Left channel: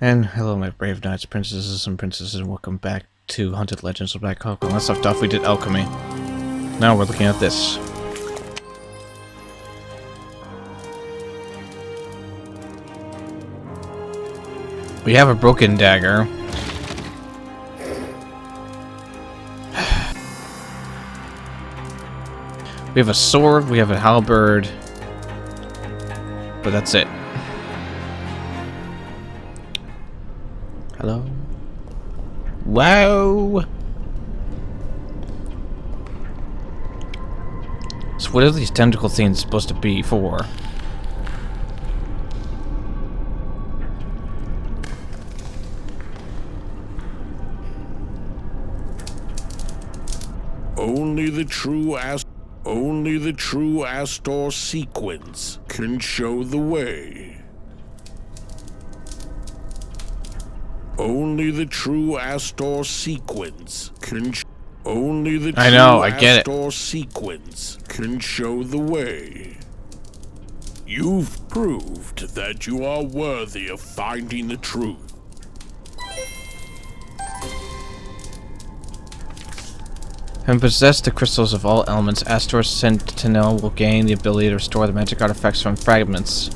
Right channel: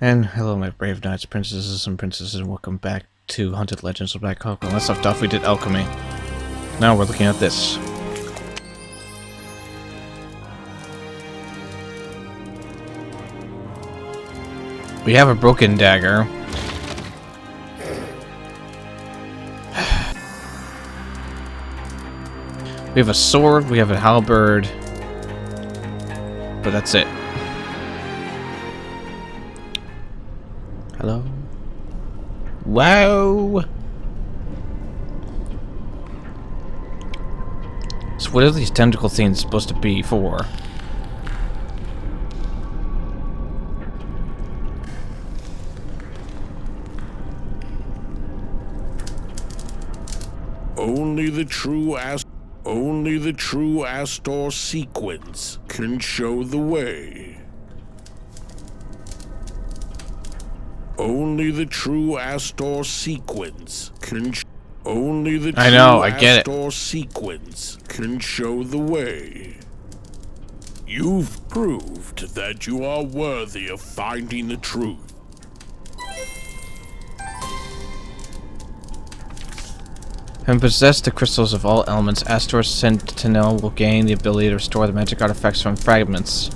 And hello, my brave knights, princesses, and princesses, and welcome back to Haunted Legends of Black Hawk. When last left off, we did alchemy. Now we're looking at this. We have a broken dagger. We have a sword, we have a halberd. But that's it. Hello? Wow! So what are these tentacle things supposed to be for? Only the true Astor sequence can show the way. Only the true Astor sequence can only the I true know, I get it. Astor sequence can show the way. You've proved that you are worthy of finding the truth. Having possessed the crystals of all elements, Astor's Sentinel will gain the ability to restore the magic artifacts from fragments.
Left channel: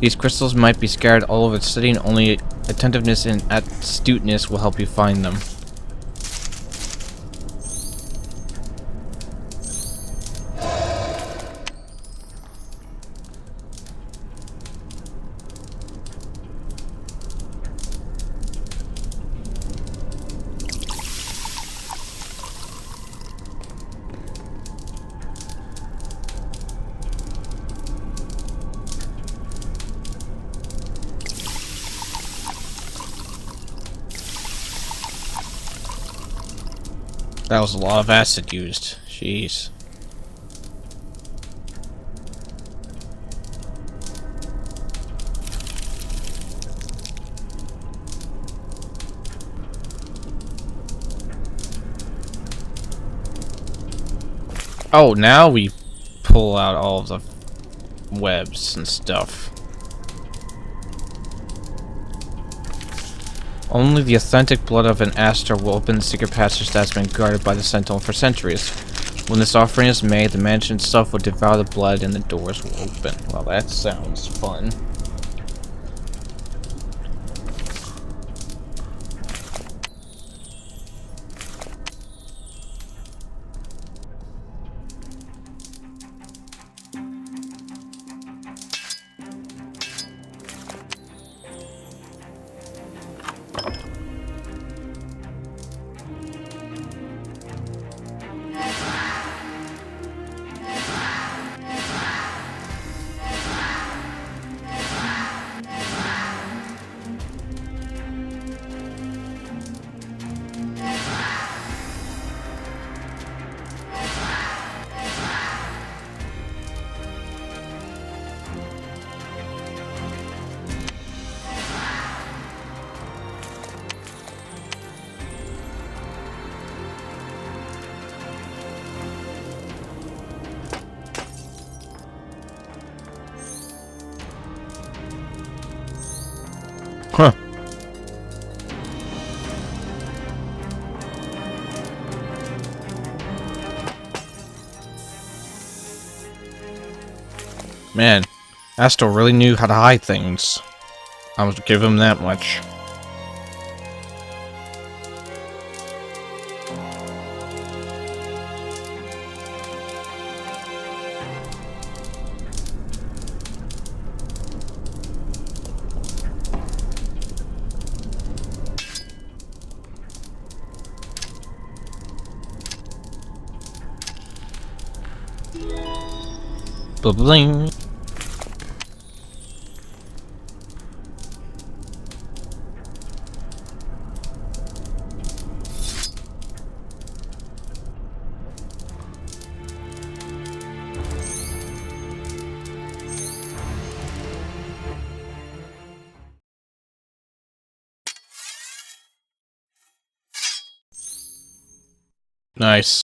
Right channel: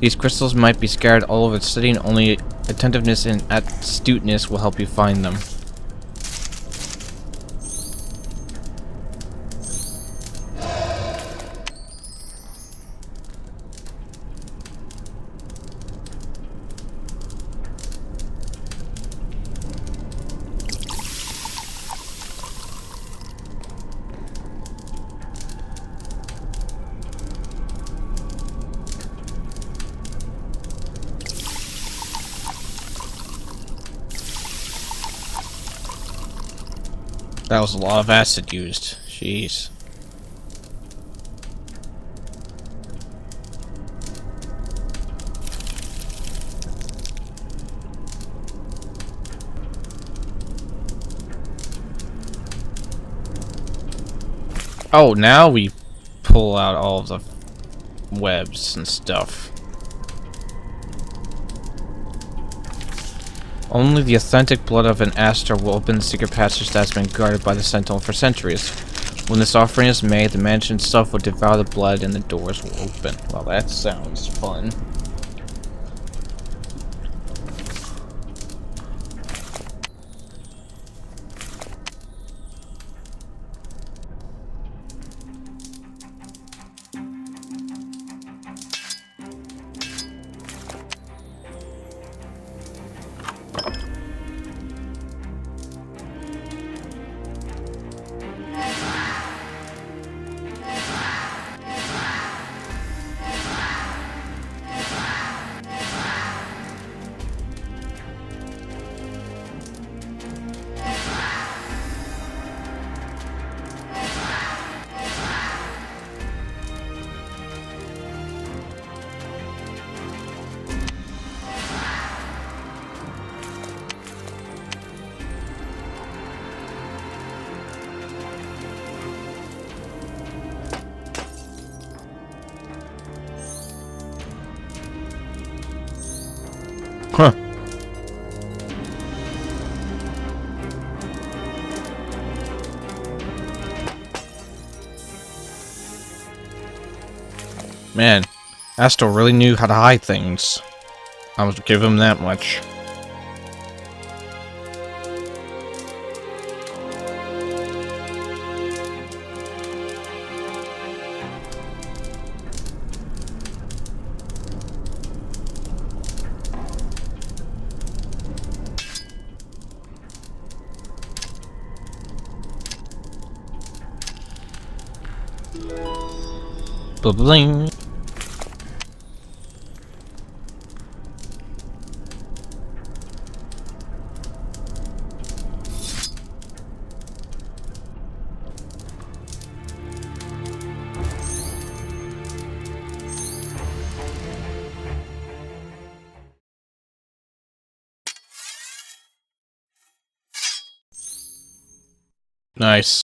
These crystals might be scattered all over the city, and only attentiveness and astuteness will help you find them. That was a lot of acid used. Jeez. Oh, now we pull out all of the webs and stuff. Only the authentic blood of an Astor will open the secret passage that's been guarded by the Sentinel for centuries. When this offering is made, the mansion itself will devour the blood and the doors will open. Well, that sounds fun. Huh. Man, Astor really knew how to hide things. I would give him that much. Bling. Nice.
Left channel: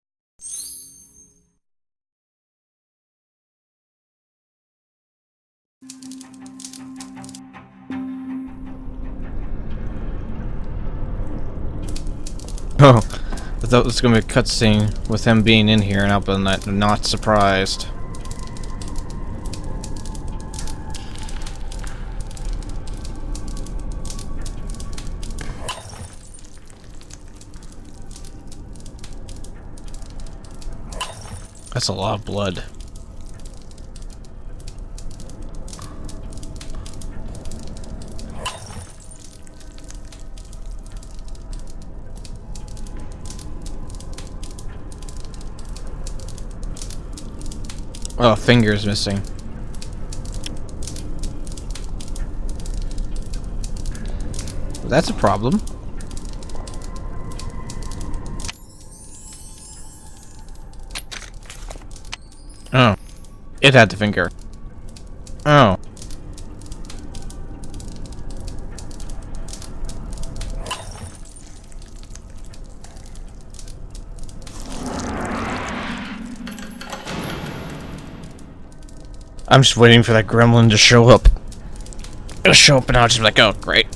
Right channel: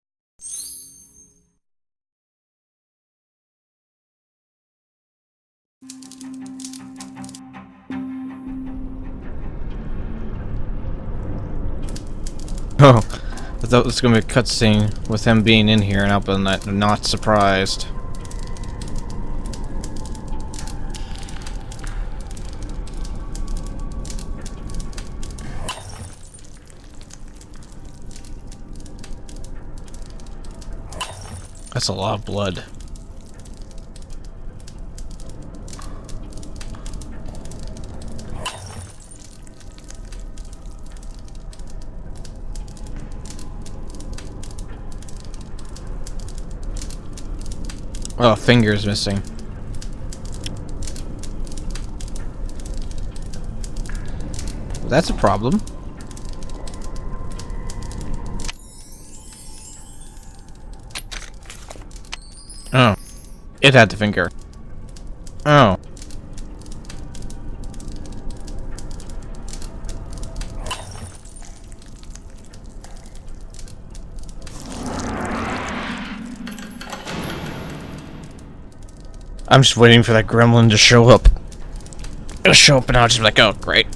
Oh, I thought it was gonna be a cutscene with him being in here, and I've been not surprised. That's a lot of blood. Oh, finger's missing. Well, that's a problem. Oh. It had the finger. Oh. I'm just waiting for that gremlin to show up. It'll show up and I'll just be like, oh, great.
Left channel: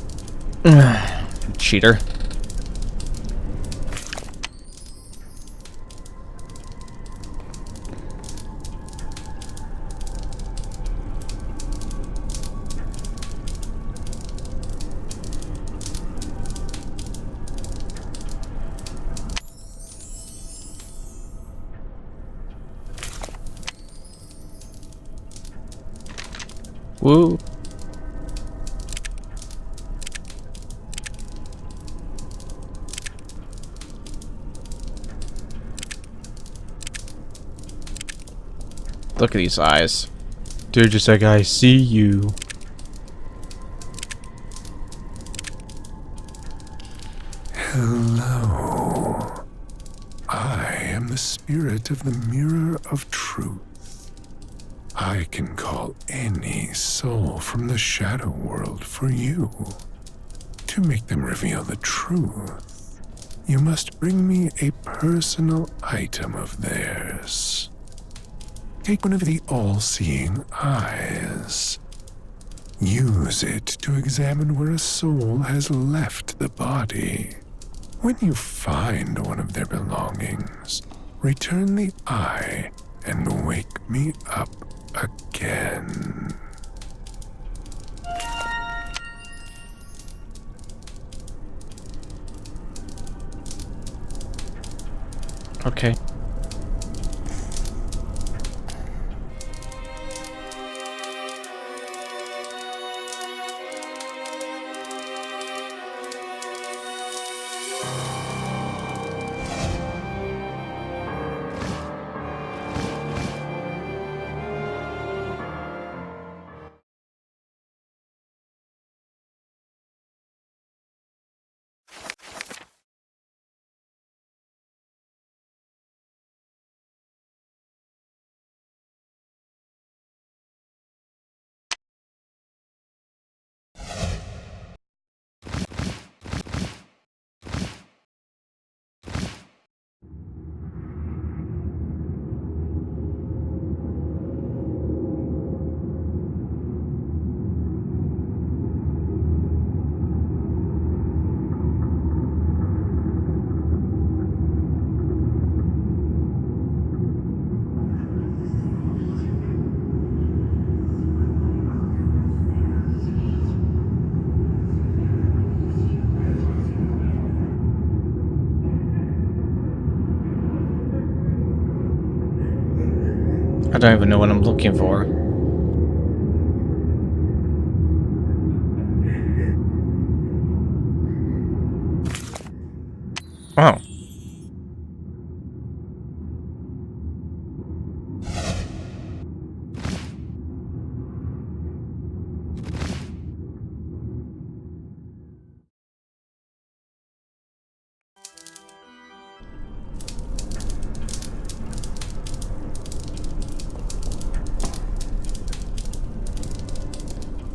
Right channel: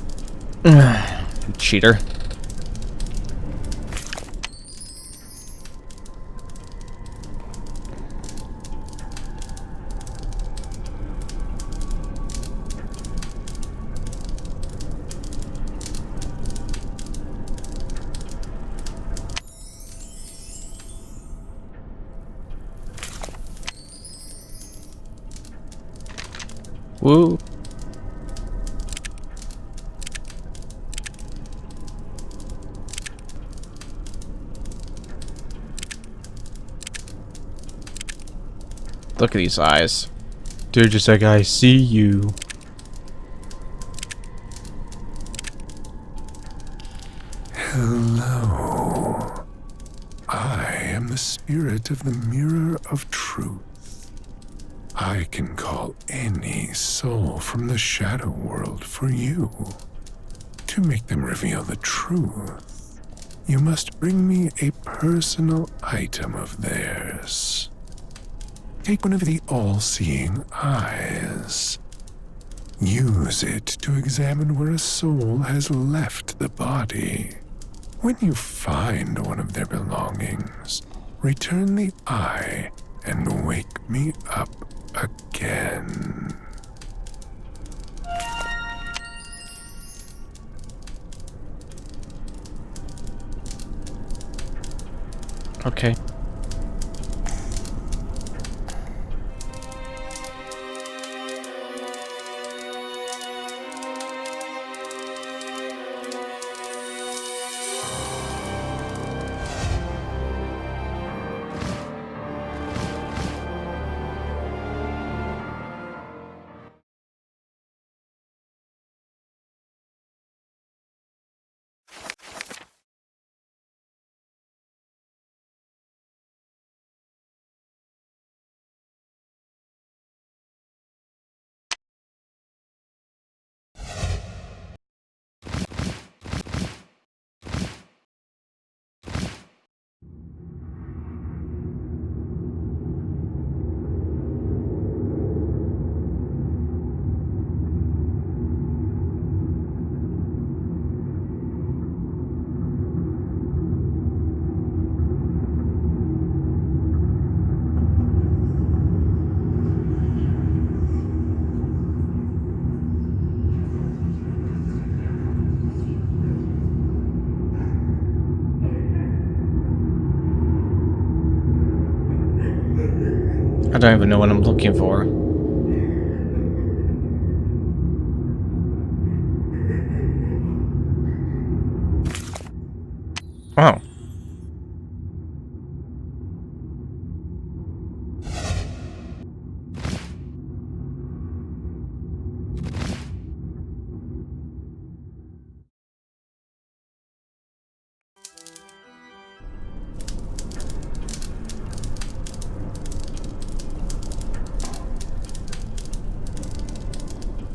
Cheater. Woo. Look at these eyes. They're just like, I see you. Hello. I am the spirit of the mirror of truth. I can call any soul from the shadow world for you. To make them reveal the truth, you must bring me a personal item of theirs. Take one of the all-seeing eyes. Use it to examine where a soul has left the body. When you find one of their belongings, return the eye and wake me up again. Okay. I don't even know what I'm looking for. Oh.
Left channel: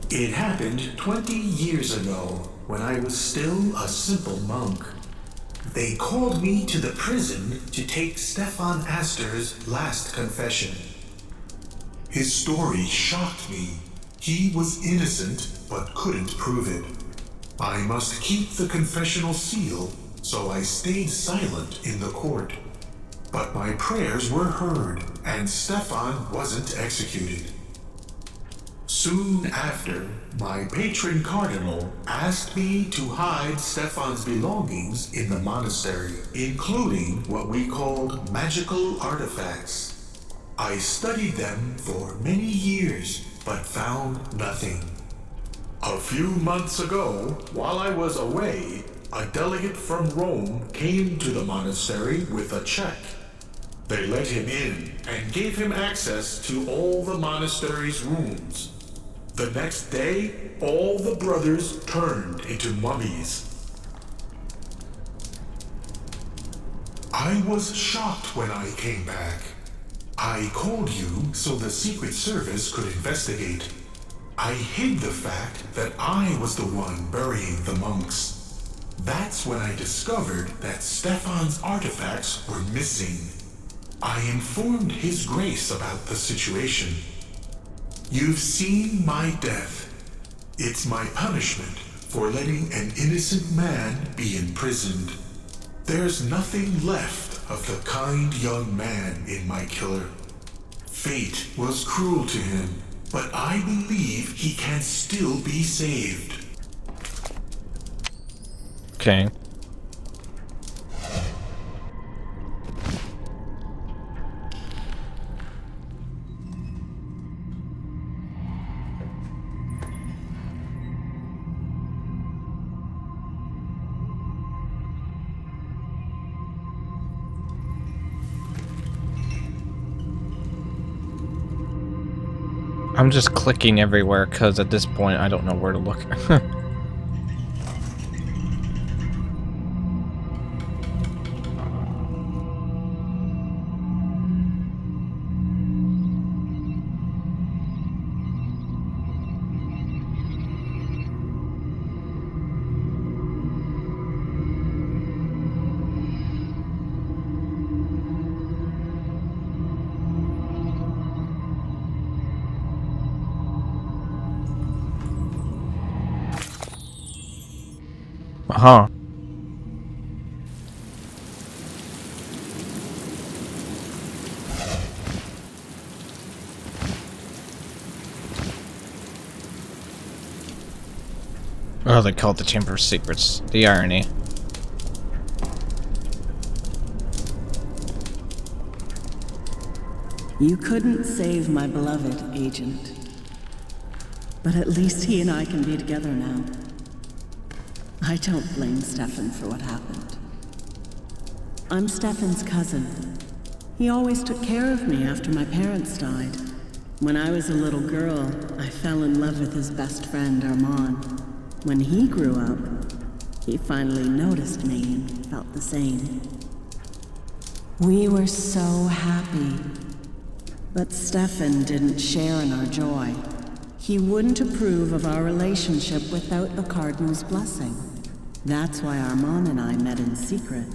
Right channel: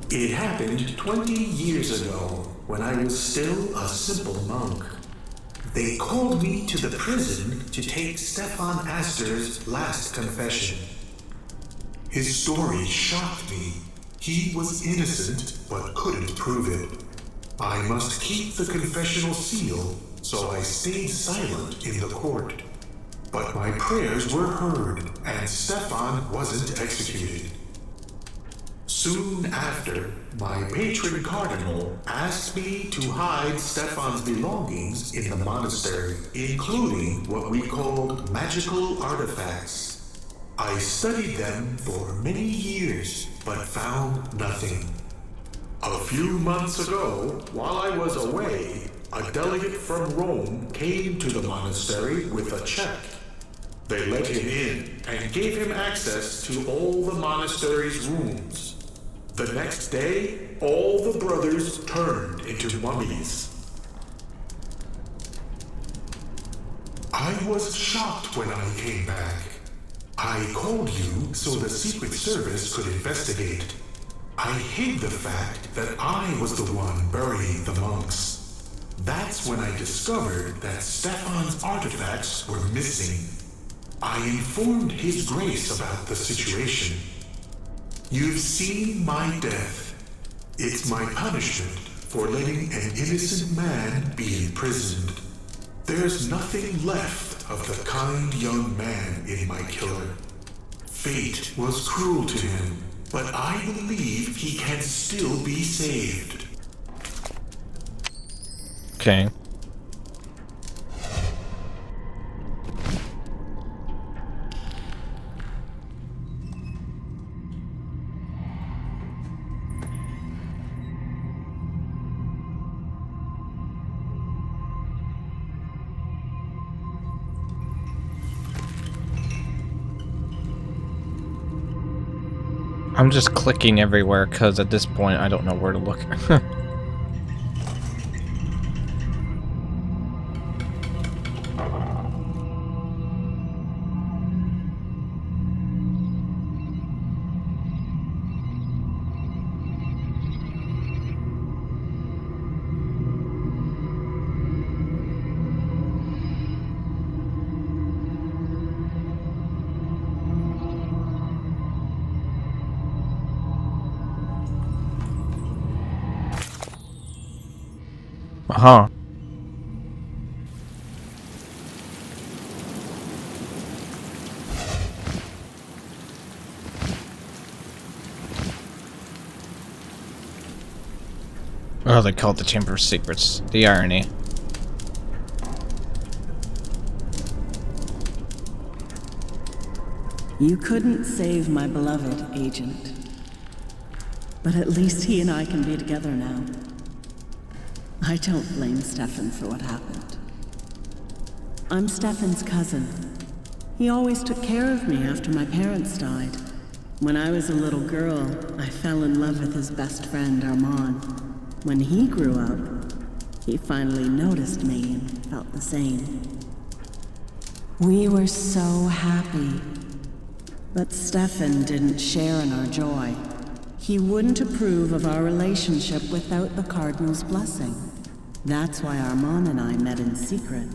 It happened 20 years ago, when I was still a simple monk. They called me to the prison to take Stefan Astor's last confession. His story shocked me. He was innocent, but couldn't prove it. I must keep the confessional seal so I stayed silent in the court. But my prayers were heard, and Stefan wasn't executed. Soon after, my patron cardinal asked me to hide Stefan's belongings in the monastery, including what we called magical artifacts. I studied them for many years, but found nothing. A few months ago, while I was away, a delegate from Rome came to the monastery with a check. They let him in and gave him access to all the monastery's rooms. The next day, all the brothers turned into mummies. I was shocked when I came back. I called you so the Secret Service could investigate. I hid the fact that I was the one burying the monks. That's when I discovered that Stefan's artifacts were missing. I informed His Grace about the situation. You've seen my death. It's my punishment for letting an innocent man be imprisoned. There's nothing left of the kind young man in my killer. Fate was cruel to him, but I believe he can still be saved. Okay. I'm just clicking everywhere because at this point I don't know where to look. Uh-huh. Oh, they call it the Chamber of Secrets. The irony. You couldn't save my beloved, Agent. But at least he and I can be together now. I don't blame Stefan for what happened. I'm Stefan's cousin. He always took care of me after my parents died. When I was a little girl, I fell in love with his best friend, Armand. When he grew up, he finally noticed me and felt the same. We were so happy. But Stefan didn't share in our joy. He wouldn't approve of our relationship without the Cardinal's blessing. That's why Armand and I met in secret.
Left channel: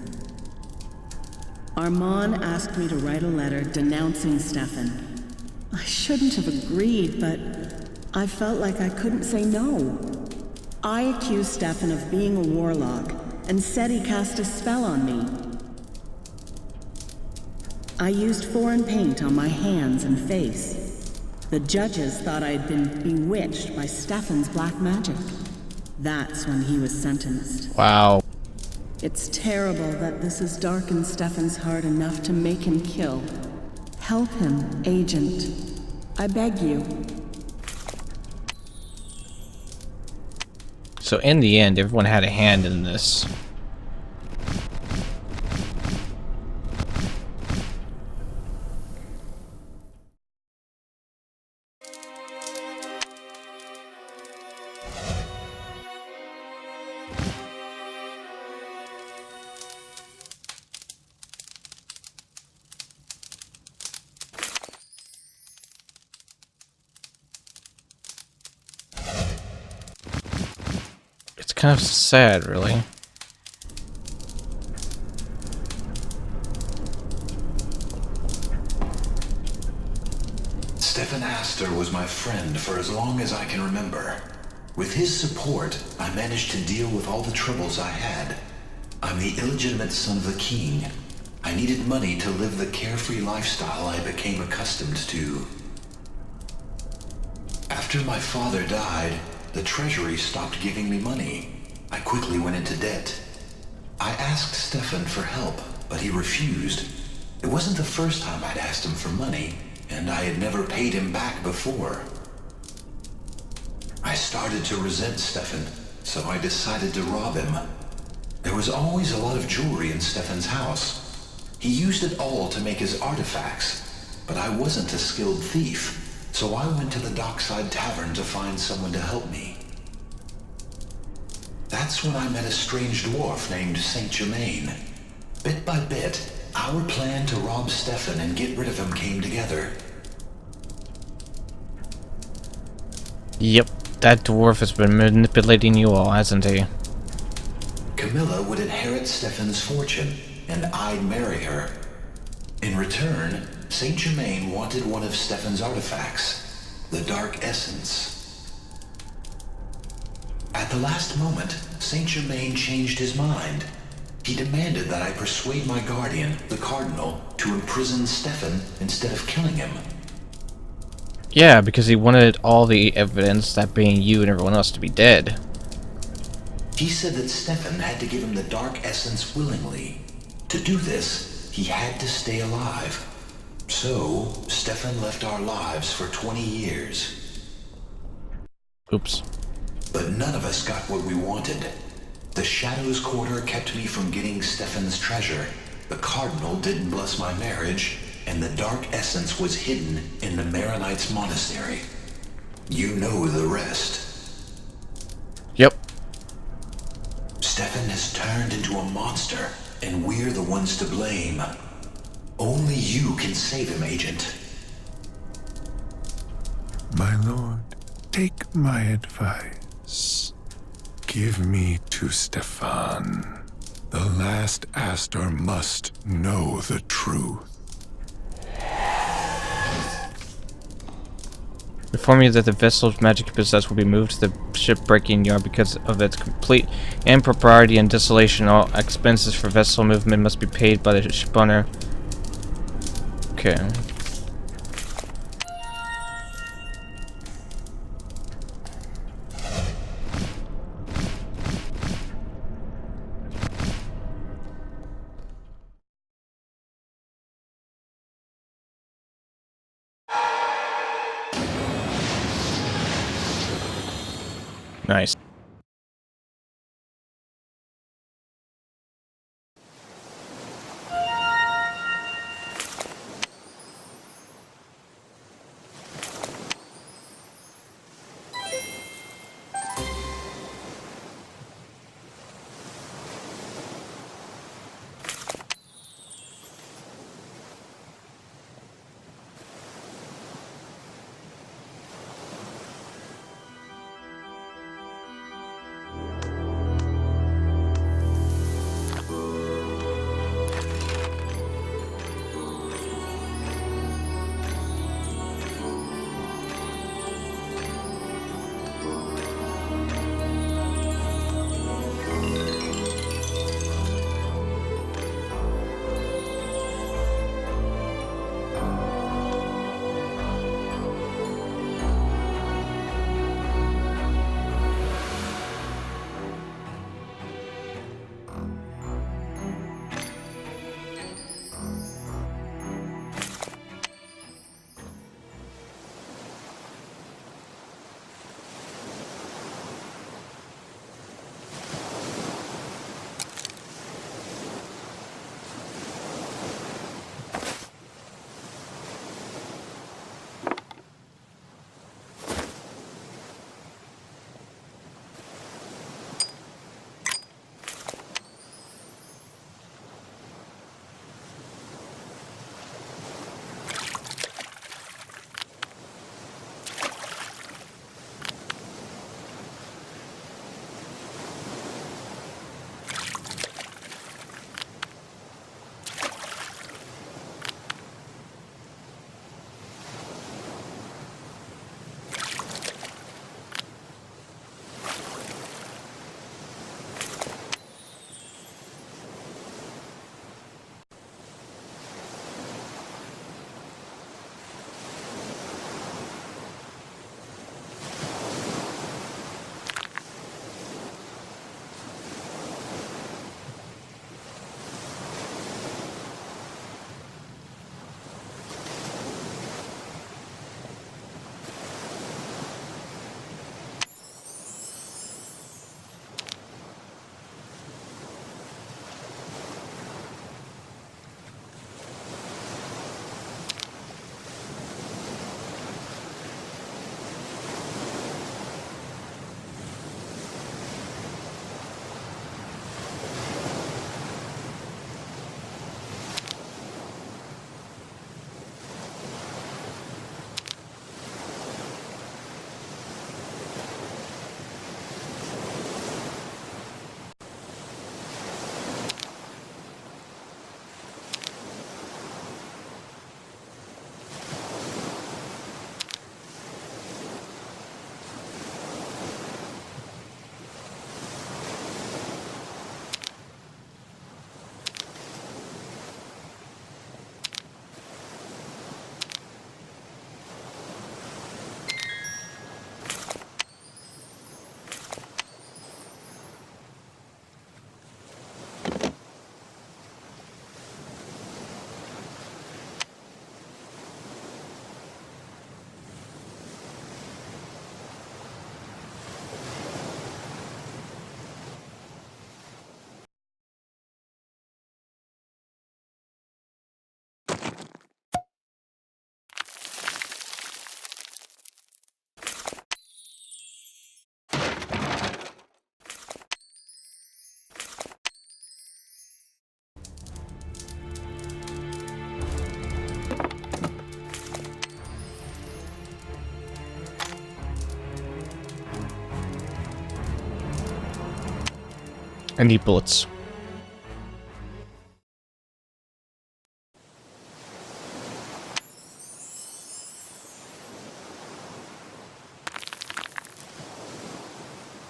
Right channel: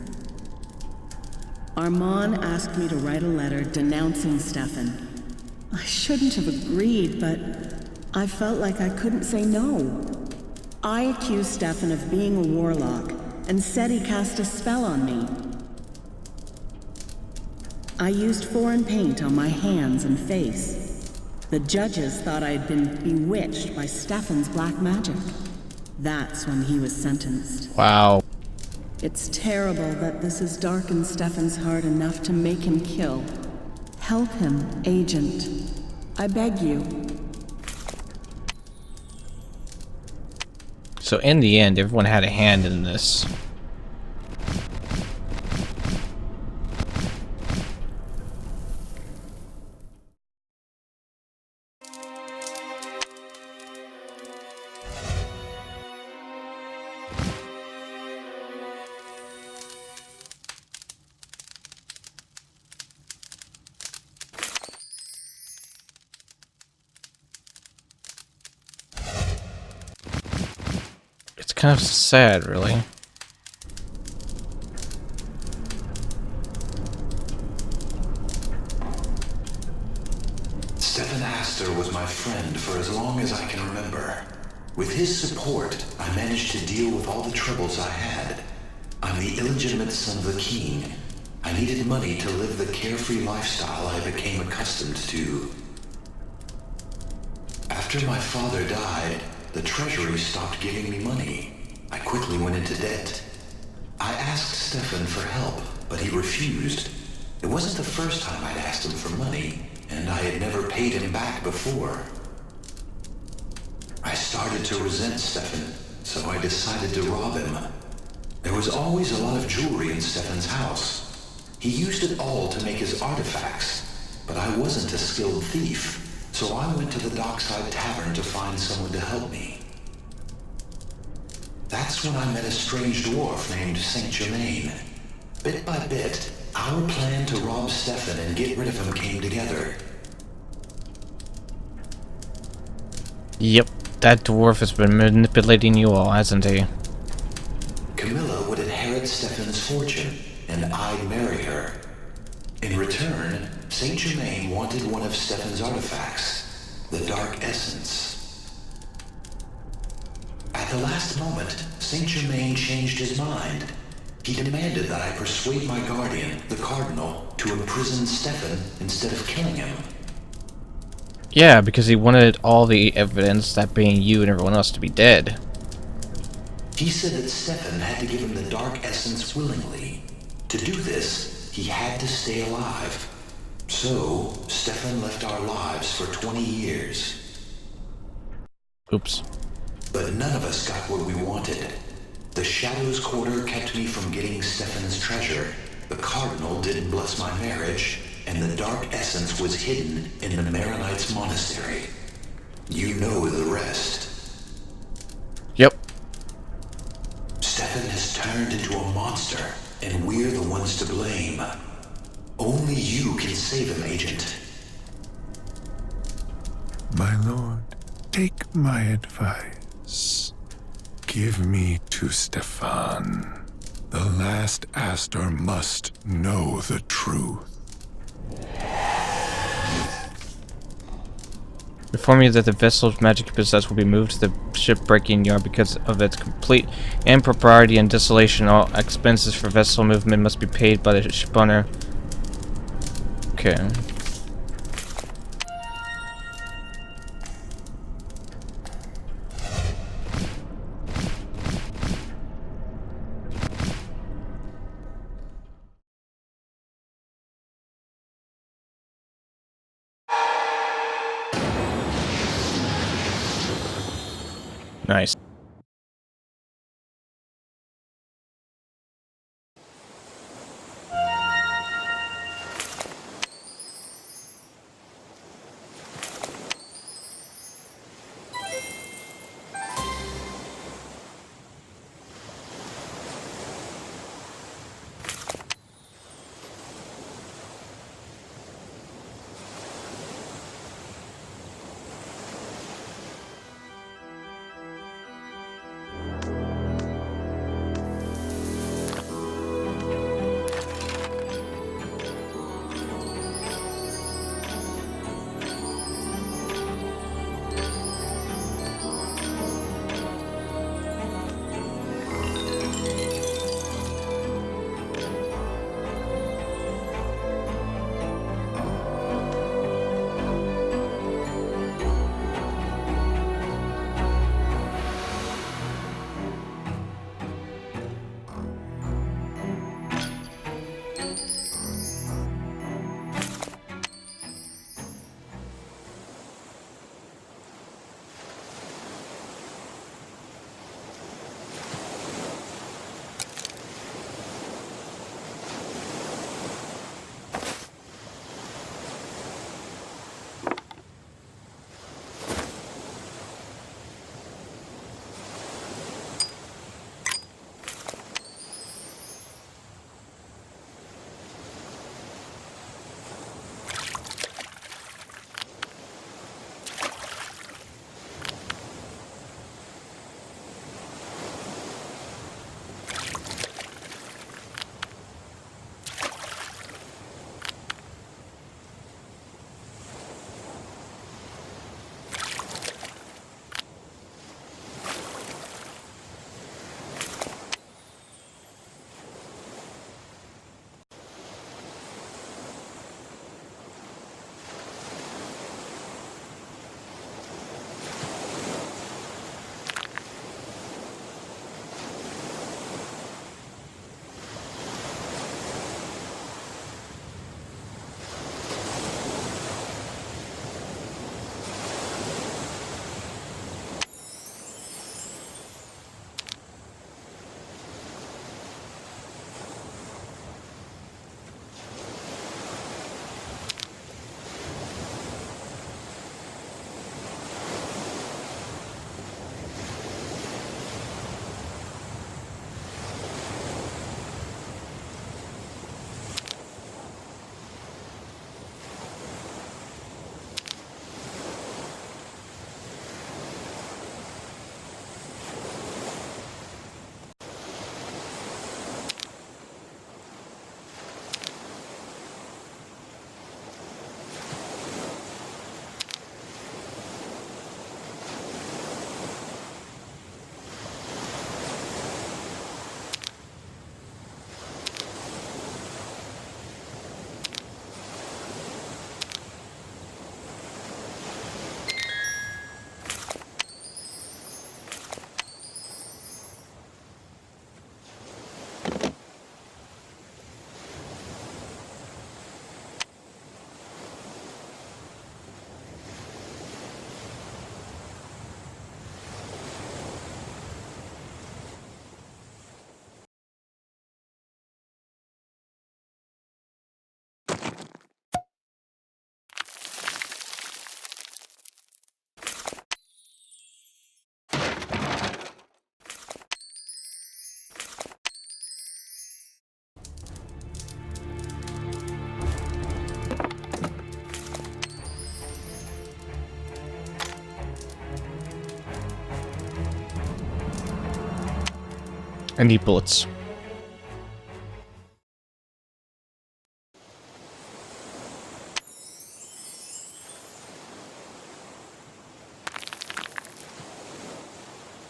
Armand asked me to write a letter denouncing Stefan. I shouldn't have agreed, but I felt like I couldn't say no. I accused Stefan of being a warlock and said he cast a spell on me. I used foreign paint on my hands and face. The judges thought I'd been bewitched by Stefan's black magic. That's when he was sentenced. Wow. It's terrible that this has darkened Stefan's heart enough to make him kill. Help him, Agent. I beg you. So in the end, everyone had a hand in this. It's kind of sad, really. Stefan Astor was my friend for as long as I can remember. With his support, I managed to deal with all the troubles I had. I'm the illegitimate son of the king. I needed money to live the carefree lifestyle I became accustomed to. After my father died, the treasury stopped giving me money. I quickly went into debt. I asked Stefan for help, but he refused. It wasn't the first time I'd asked him for money, and I had never paid him back before. I started to resent Stefan, so I decided to rob him. There was always a lot of jewelry in Stefan's house. He used it all to make his artifacts, but I wasn't a skilled thief, so I went to the dockside tavern to find someone to help me. That's when I met a strange dwarf named Saint Germain. Bit by bit, our plan to rob Stefan and get rid of him came together. Yep, that dwarf has been manipulating you all, hasn't he? Camilla would inherit Stefan's fortune, and I'd marry her. In return, Saint Germain wanted one of Stefan's artifacts, the Dark Essence. At the last moment, Saint Germain changed his mind. He demanded that I persuade my guardian, the Cardinal, to imprison Stefan instead of killing him. Yeah, because he wanted all the evidence, that being you and everyone else, to be dead. He said that Stefan had to give him the Dark Essence willingly. To do this, he had to stay alive. So, Stefan left our lives for 20 years. Oops. But none of us got what we wanted. The Shadows Quarter kept me from getting Stefan's treasure. The Cardinal didn't bless my marriage, and the Dark Essence was hidden in the Maronites Monastery. You know the rest. Yep. Stefan has turned into a monster, and we're the ones to blame. Only you can save him, Agent. My lord, take my advice. Give me to Stefan. The last Astor must know the truth. Inform you that the vessel's magic possessed will be moved to the shipbreaking yard because of its complete impropriety and dissolution. All expenses for vessel movement must be paid by the shipowner. Okay. Nice. I need bullets.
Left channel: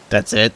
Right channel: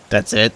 That's it.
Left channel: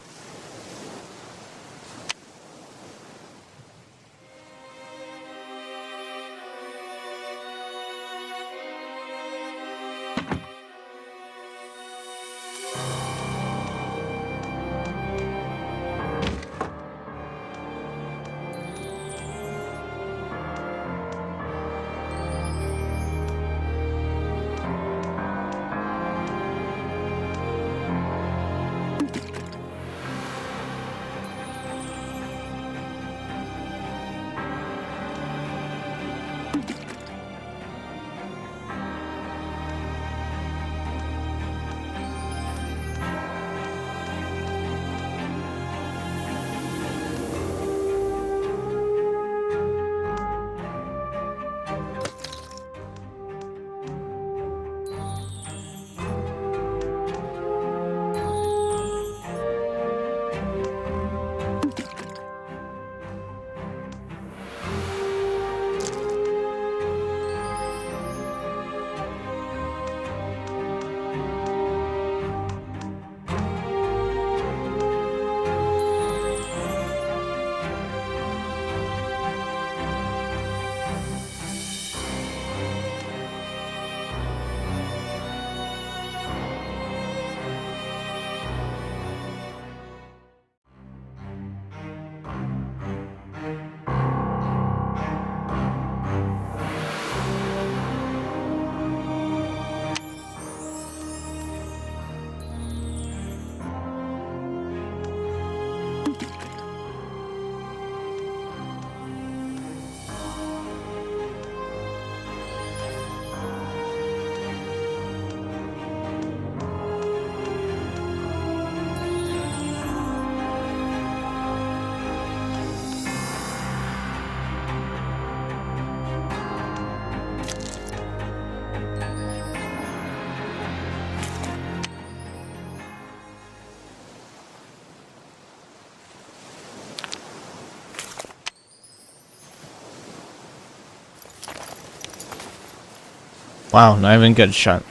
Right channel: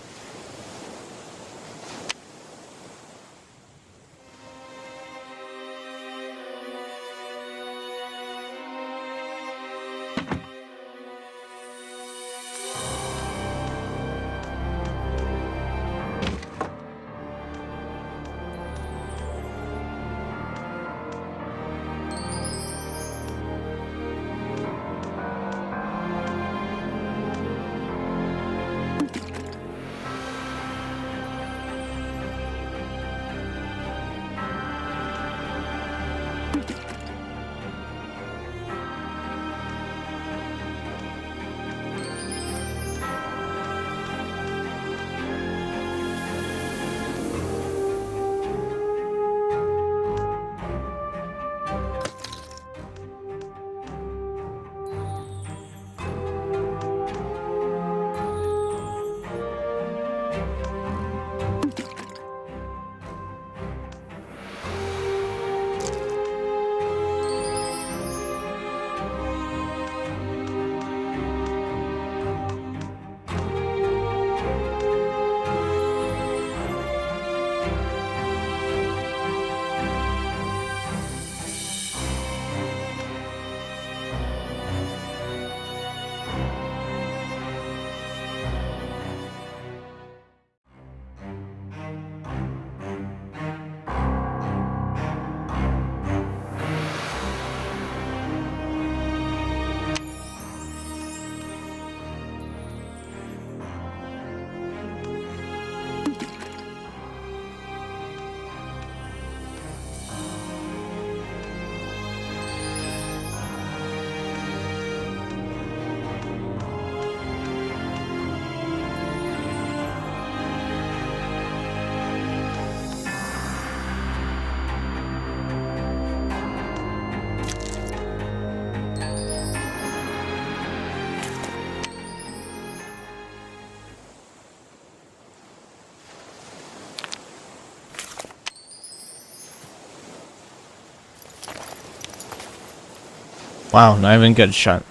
Wow, not even a good shot.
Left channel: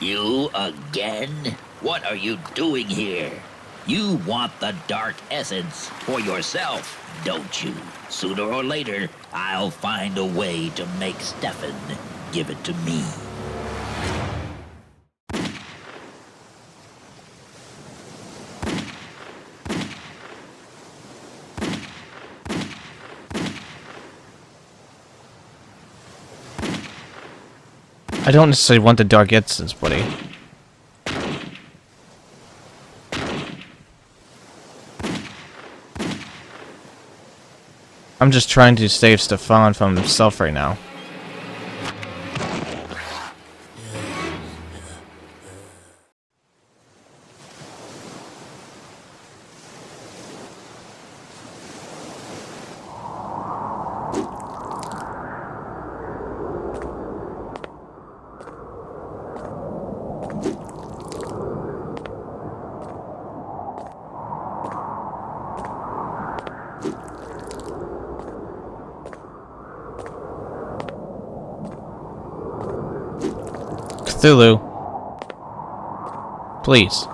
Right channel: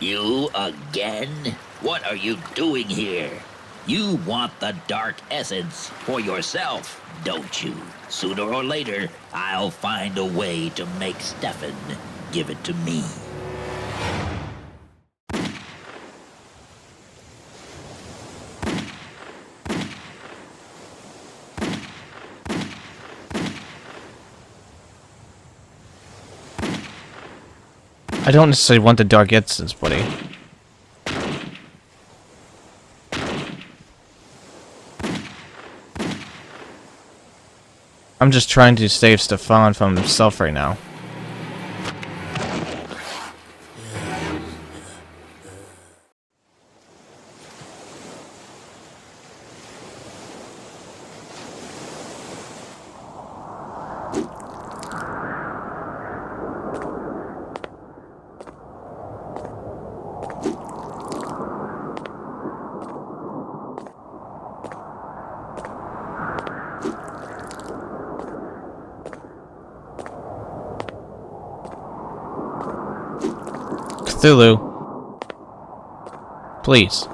You again? What are you doing here? You want the dark essence for yourself, don't you? Sooner or later, I'll find a way to make Stefan give it to me. I don't necessarily want the dark essence, buddy. I'm just trying to save Stefan from himself right now. Cthulhu. Please.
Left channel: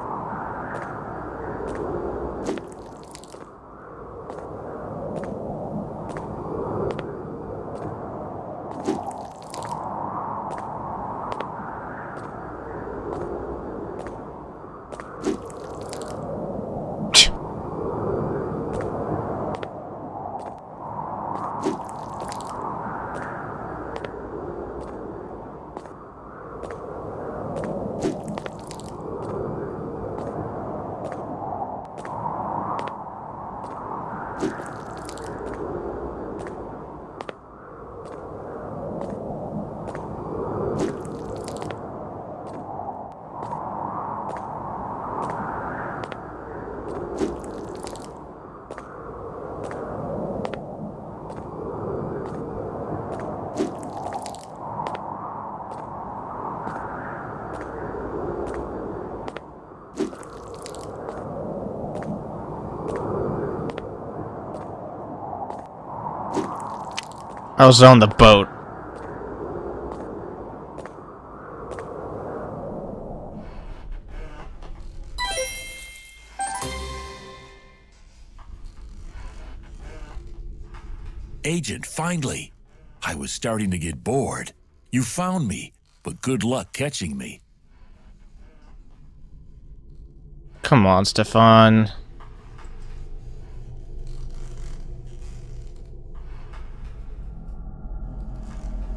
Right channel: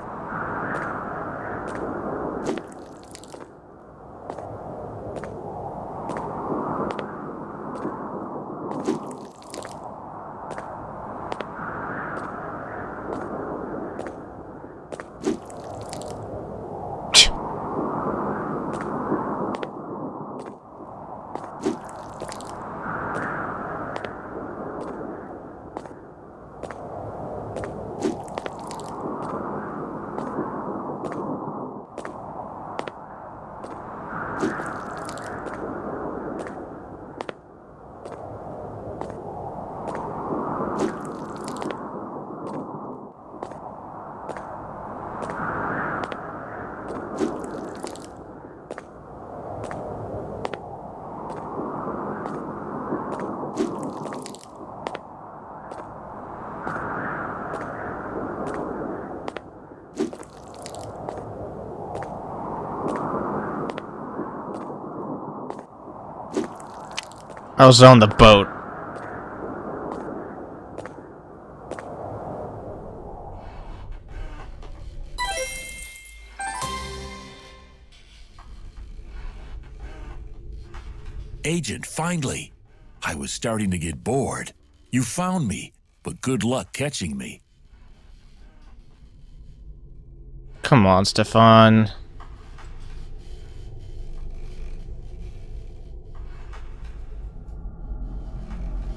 I was on the boat. Agent, finally! I was starting to get bored. You found me, but good luck catching me. Come on, Stefan.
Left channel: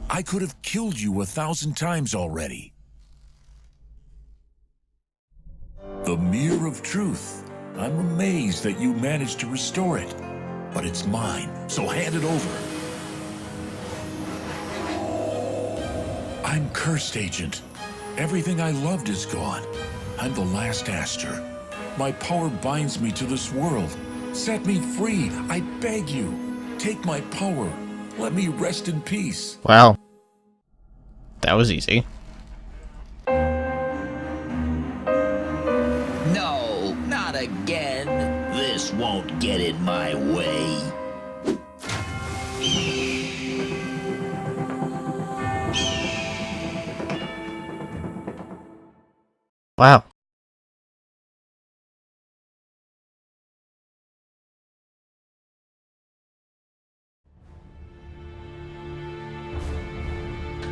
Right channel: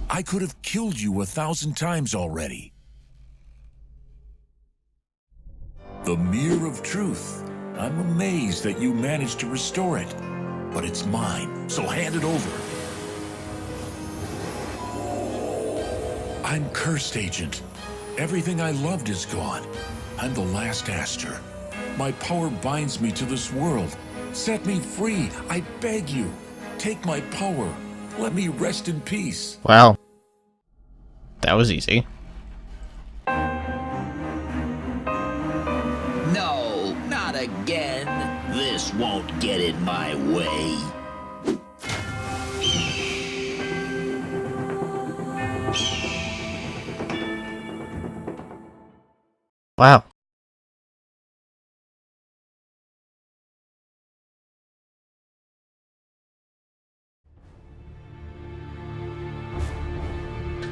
I could have killed you 1,000 times already. The Mirror of Truth. I'm amazed that you managed to restore it. But it's mine, so hand it over. I'm cursed, Agent. Everything I loved is gone. I'm the last Aster. My power binds me to this world. Set me free, I beg you. Take my power. Let me rest in peace. Wow. That was easy. No, not again. This won't get in my way. Wow.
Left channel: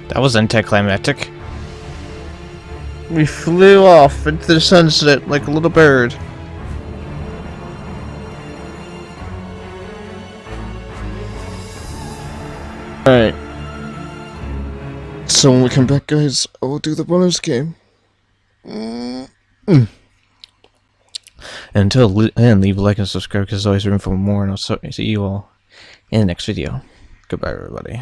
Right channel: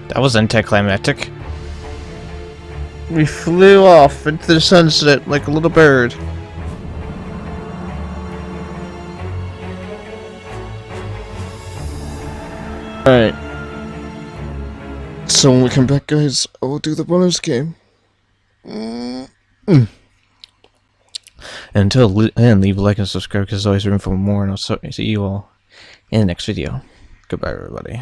That was anticlimactic. We flew off into the sunset like a little bird. Alright. So when we come back, guys, I'll do the bonus game. And leave a like and subscribe because there's always room for more, and I'll see you all in the next video. Goodbye, everybody.